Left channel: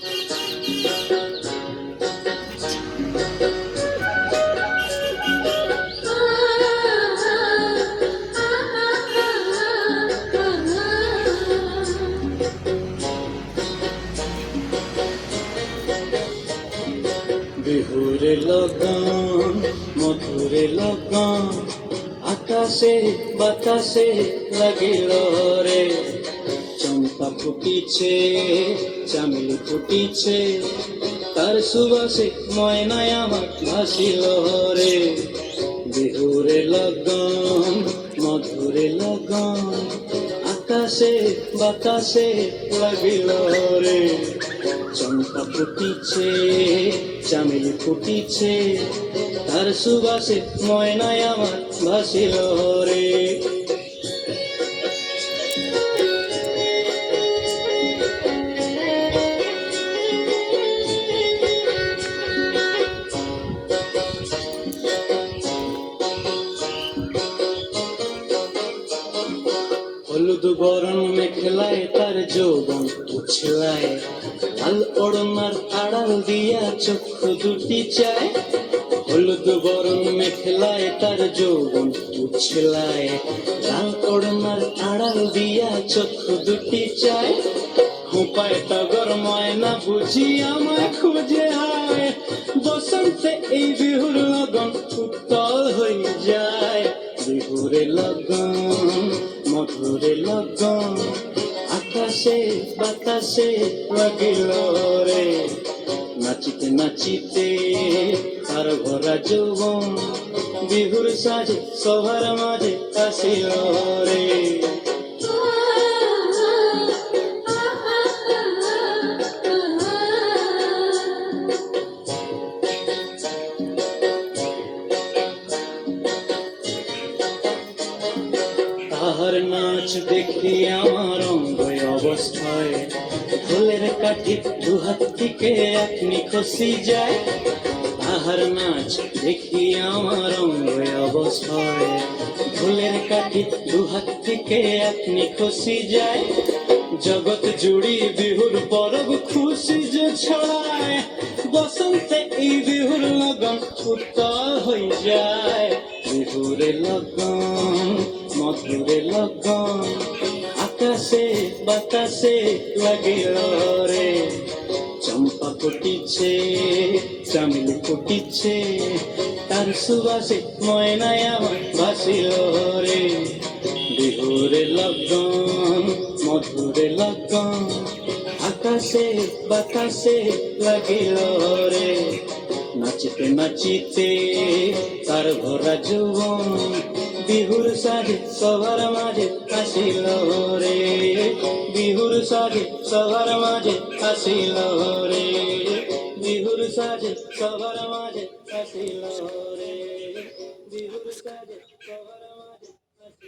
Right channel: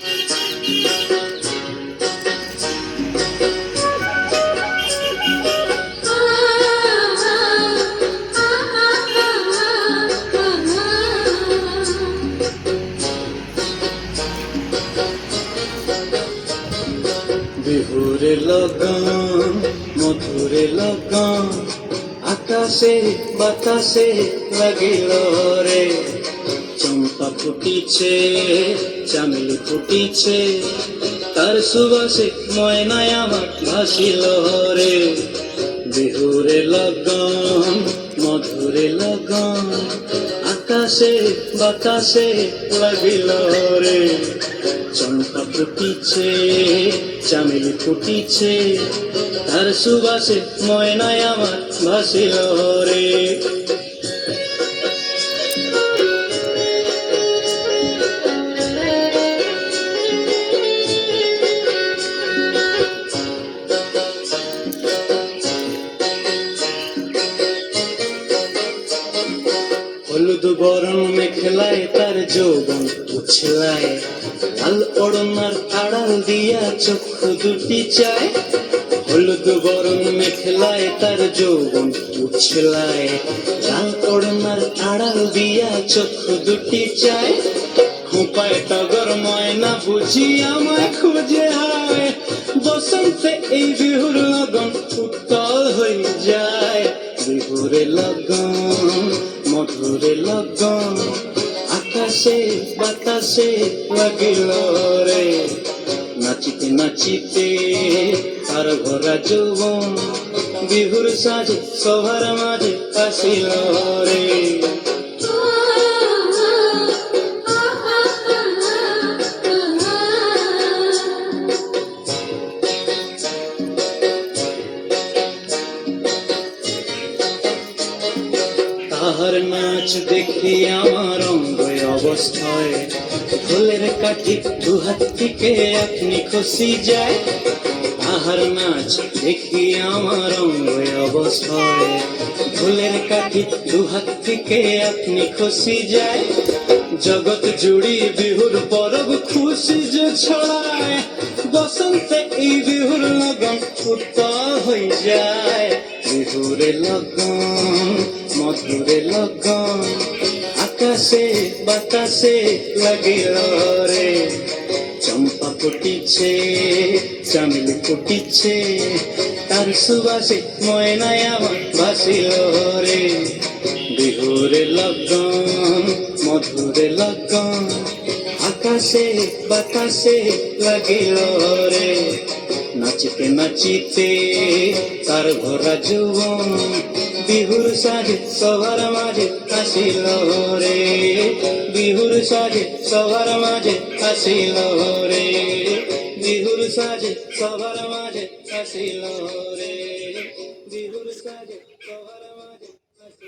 বিহুরে লগন মধুরে লগন আকাশে বাতাসে লাগিল রে, চম্পা ফুটিছে চামেলি ফুটিছে, তার সুবাসে ময়নায় আমার ভাসিল রে। বিহুরে লগন মধুরে লগন আকাশে বাতাসে লাগিল রে, চম্পা ফুটিছে চামেলি ফুটিছে, তার সুবাসে ময়নায় আমার ভাসিল রে। হলুদ বরণ মেখলায় তার যৌবন উছলায়, লাল ওড়নার আড়াল দিয়া চক্ষু দুটি চায়। হলুদ বরণ মেখলায় তার যৌবন উছলায়, লাল ওড়নার আড়াল দিয়া চক্ষু দুটি চায়। খোঁপায় টগর ময়না বুঝি আমায় খুঁজে হায়, বসন্তে এই বিহুর লগন উত্তল হয়ে যায়। বিহুরে লগন মধুরে লগন আকাশে বাতাসে লাগিল রে, নাচিতে নাচিতে আর ভরা যৌবন বিহুর সাজে সবার মাঝে আসিল রে। তাহার নাচ দেখি আমার অঙ্গ অবস্থায়, ফুলের কাঠি দুহাত থেকে আপনি খসি যায়। তাহার নাচ দেখি আমার অঙ্গ অবস্থায়, ফুলের কাঠি দুহাত থেকে আপনি খসি যায়। জগৎ জুড়ি বিহুর পরব খুশি যে ছড়ায়, বসন্তে এই বিহুর লগন উত্তল হয়ে যায়। বিহুরে লগন মধুরে লগন আকাশে বাতাসে লাগিল রে, চম্পা ফুটিছে চামেলি ফুটিছে, তার সুবাসে ময়নায় আমার ভাসিল রে। বিহুরে লগন মধুরে লগন আকাশে বাতাসে লাগিল রে, নাচিতে নাচিতে তার ভরা যৌবন বিহুর সাজে সবার মাঝে আসিল রে। বিহুর সাজে সবার মাঝে আসিল রে, বিহুর সাজে সবার মাঝে আসিল রে, বিহুর সাজে সবার